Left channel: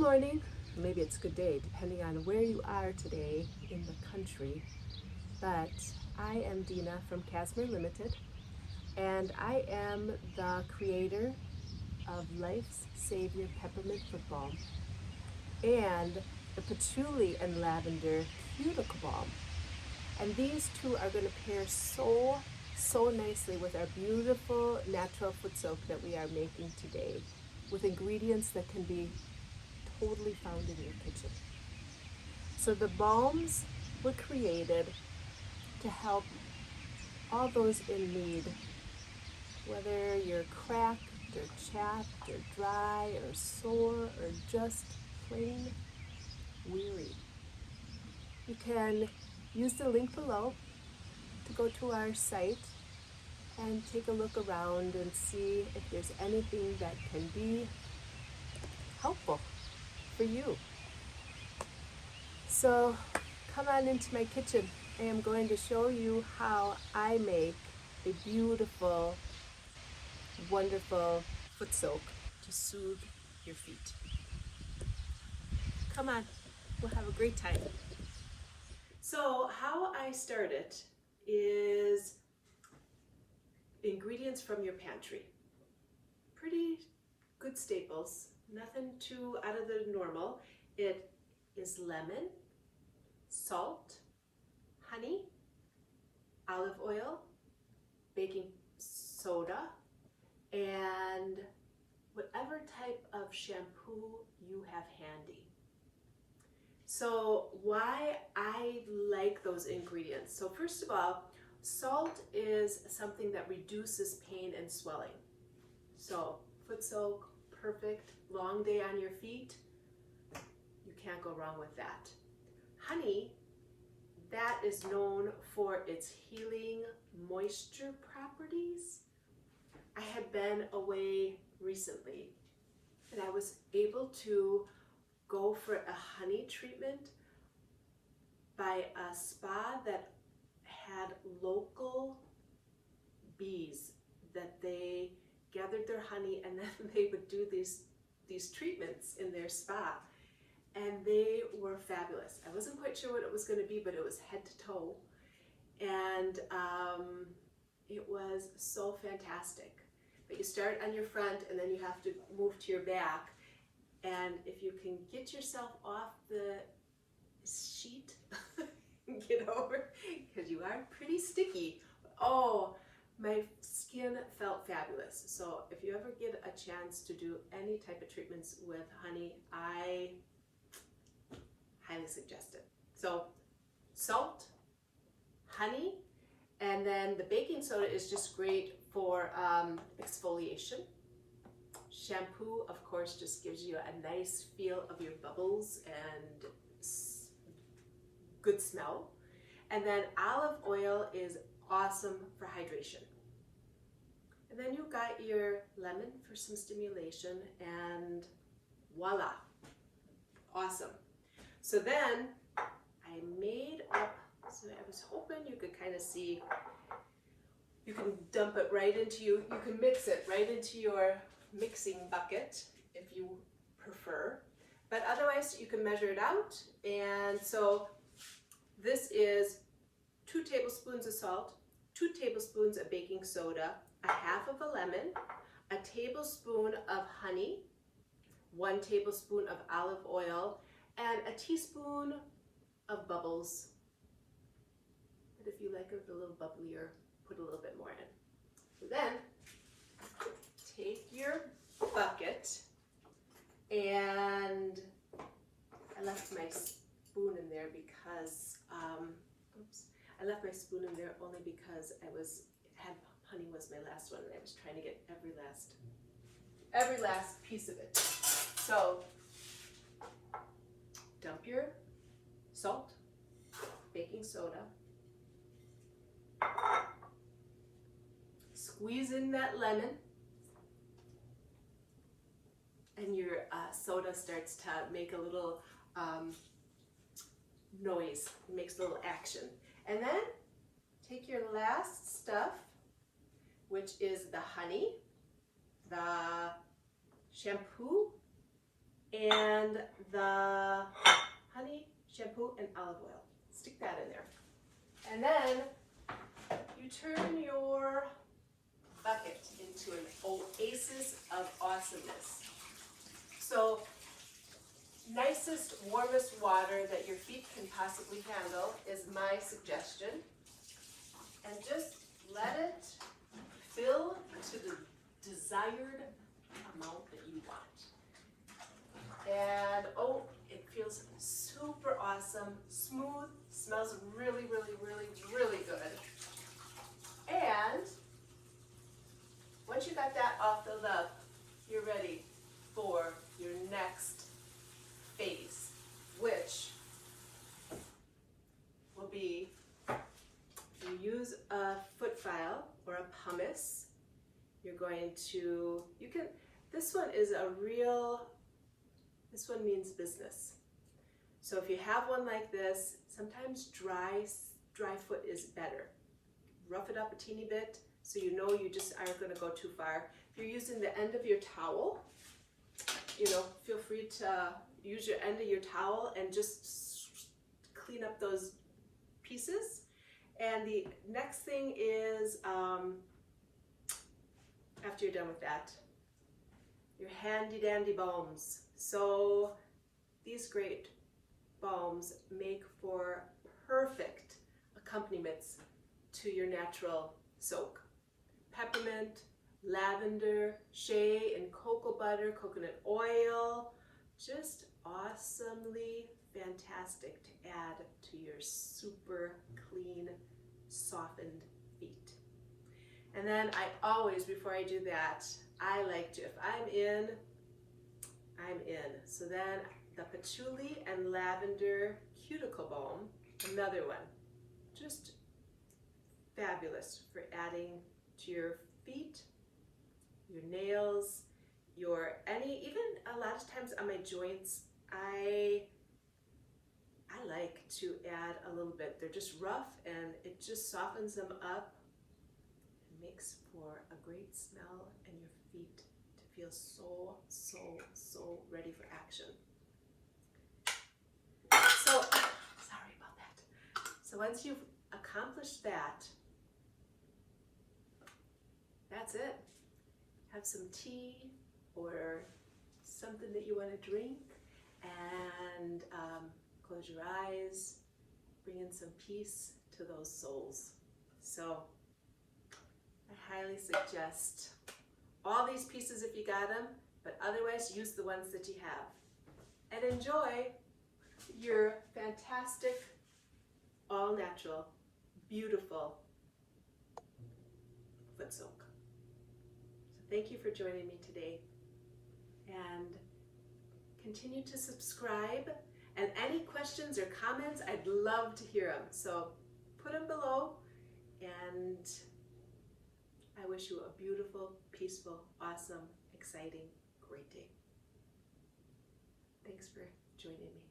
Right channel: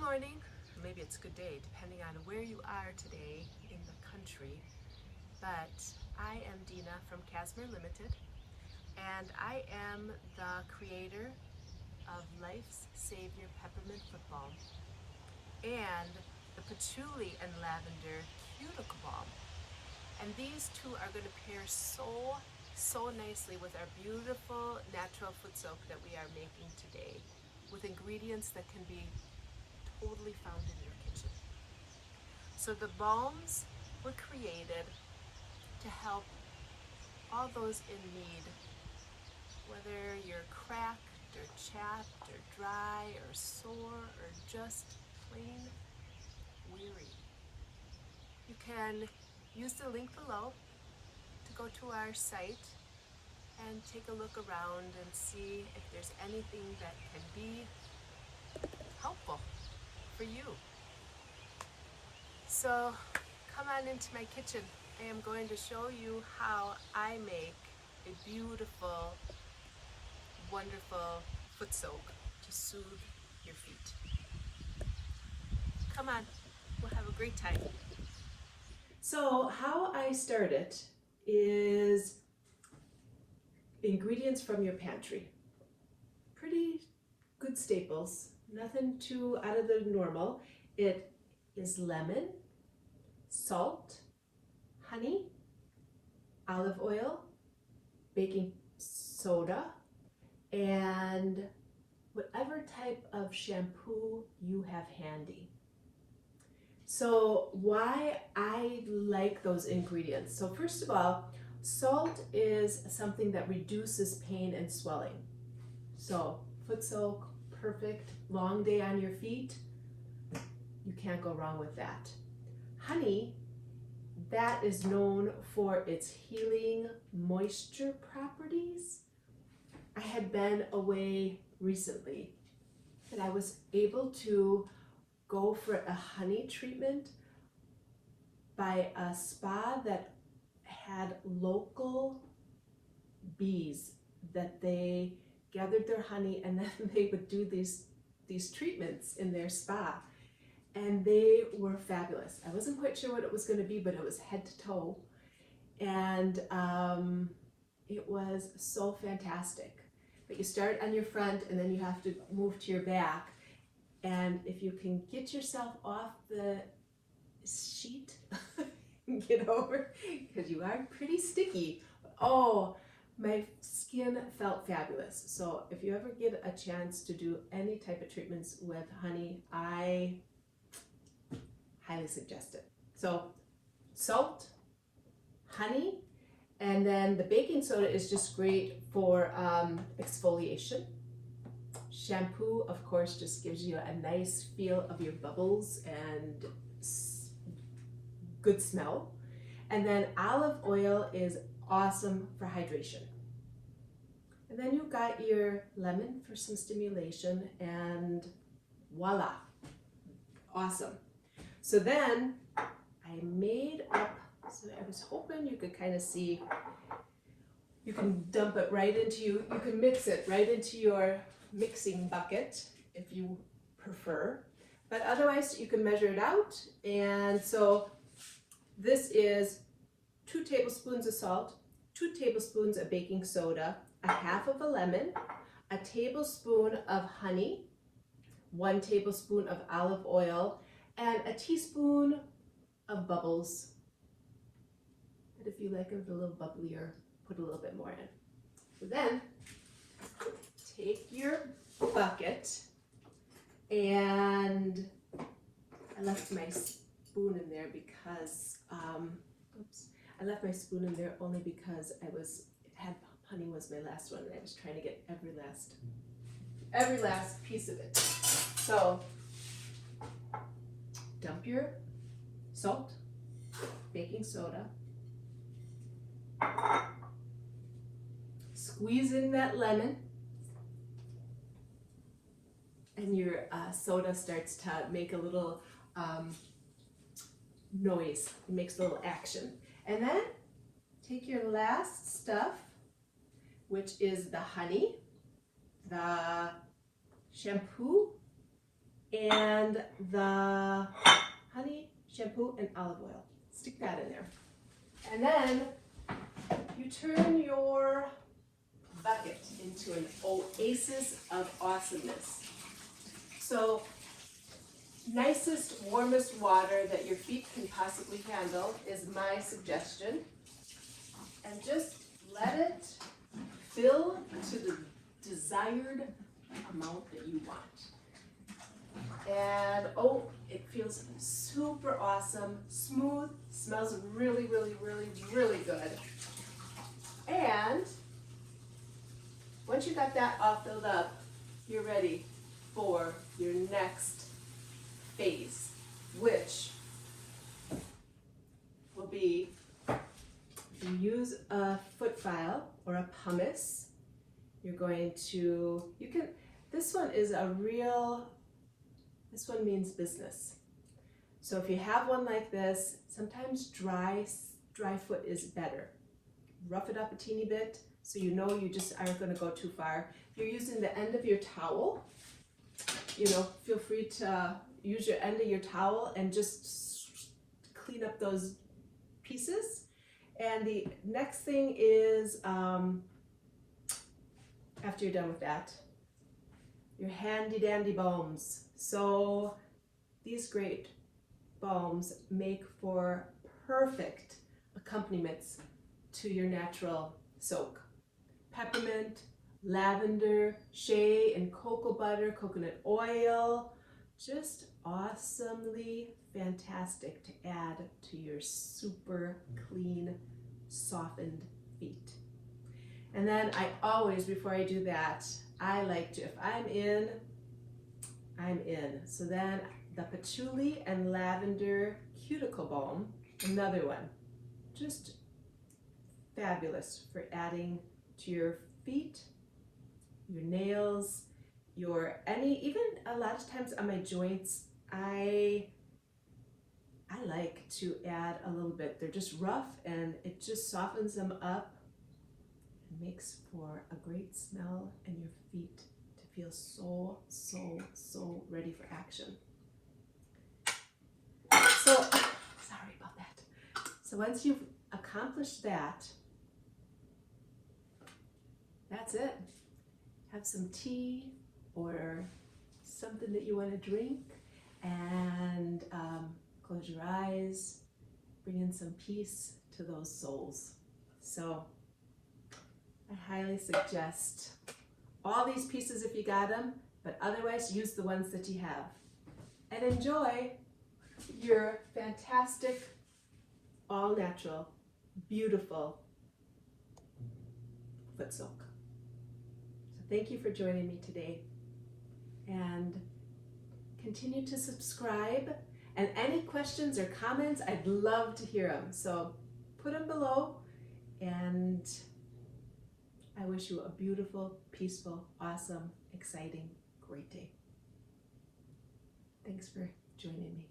morning, or maybe it's good day, depending on where you are today in the country. But I am Dina from Casimir Limited, and I am the creator of Life's Savior Peppermint Foot Balm and the Patchouli and Lavender Cuticle Balm. And these two are going to pair so nicely with our beautiful natural foot soak that we are making today, with ingredients that can be totally found in your kitchen. So the balms were created to help all those in need, whether you're cracked or chapped or dry or sore or just plain weary. You can use the link below to go to our site and take a look around and see if there's anything that can be helpful for you. So come on into my kitchen. I am going to show you how I make a beautiful, wonderful foot soak to soothe your feet. Come on, we'll have a great time. So how I start it is ingredients from your pantry. Pretty good staples, nothing too out of the normal. It is lemon, salt, honey, olive oil, baking soda, and whatever type of shampoo you have handy. So why I like those ingredients. So first of all, salt is something that reduces pain and swelling. So foot soak, perfect. Long day on your feet, you can't go wrong with that. Honey, that is known for its healing moisture properties. I had been away recently and I was able to go for a honey treatment by a spa that had local bees that they gathered their honey, and then they would do these treatments in their spa, and they were fabulous. I wasn't quite sure what it was going to be, but it was head to toe, and it was so fantastic. But you start on your front and then you have to move to your back, and if you can get yourself off the sheet get over, because you are pretty sticky. Oh, my skin felt fabulous. So if you ever get a chance to do any type of treatments with honey, I highly suggest it. So salt, honey, and then the baking soda is just great for exfoliation. Shampoo, of course, just gives you a nice feel of your bubbles and good smell. And then olive oil is awesome for hydration. And then you've got your lemon for some stimulation, and voila, awesome. So then I made up, so I was hoping you could kind of see, you can dump it right into you can mix it right into your mixing bucket if you prefer, but otherwise you can measure it out. And so this is 2 tablespoons of salt, 2 tablespoons of baking soda, a half of a lemon, a tablespoon of honey, 1 tablespoon of olive oil, and a teaspoon of bubbles. But if you like it a little bubblier, put a little bit more in. So then take your bucket, and I left my spoon in there because I left my spoon in there only because honey was my last one, and I was trying to get every last piece of it. So dump your salt, baking soda, squeeze in that lemon, and your soda starts to make a little noise. It makes a little action. And then take your last stuff, which is the honey, the shampoo, and the honey, shampoo, and olive oil. Stick that in there. And then you turn your bucket into an oasis of awesomeness. So, nicest, warmest water that your feet can possibly handle is my suggestion. And just let it fill to the desired amount that you want. And oh, it feels super awesome, smooth, smells really, really, really, really good. And once you got that all filled up, you're ready for your next phase, which will be, if you use a foot file or a pumice, you're going to, this one is a real, this one means business. So if you have one like this, sometimes dry foot is better. Rough it up a teeny bit so you know you just aren't going to go too far. If you're using the end of your towel, feel free to use your end of your towel and just clean up those pieces. And the next thing is, after you're done with that, your handy dandy balms. So these great balms make for perfect accompaniments to your natural soak. Peppermint, lavender, shea, and cocoa butter, coconut oil, just awesomely fantastic to add to your super clean, softened feet. And then I always, before I do that, I like to, if I'm in. So then the Patchouli and Lavender Cuticle Balm, another one, just fabulous for adding to your feet, your nails, even a lot of times on my joints, I like to add a little bit. They're just rough and it just softens them up and makes for a great smell and your feet to feel so, so, so ready for action. So, sorry about that. So once you've accomplished that, that's it. Have some tea or something that you want to drink and close your eyes, bring in some peace to those souls. So I highly suggest all these pieces if you got them, but otherwise use the ones that you have. And enjoy your fantastic, all natural, beautiful foot soak. So thank you for joining me today. And continue to subscribe. And any questions or comments, I'd love to hear them. So put them below. And I wish you a beautiful, peaceful, awesome, exciting, great day. Thanks for joining me.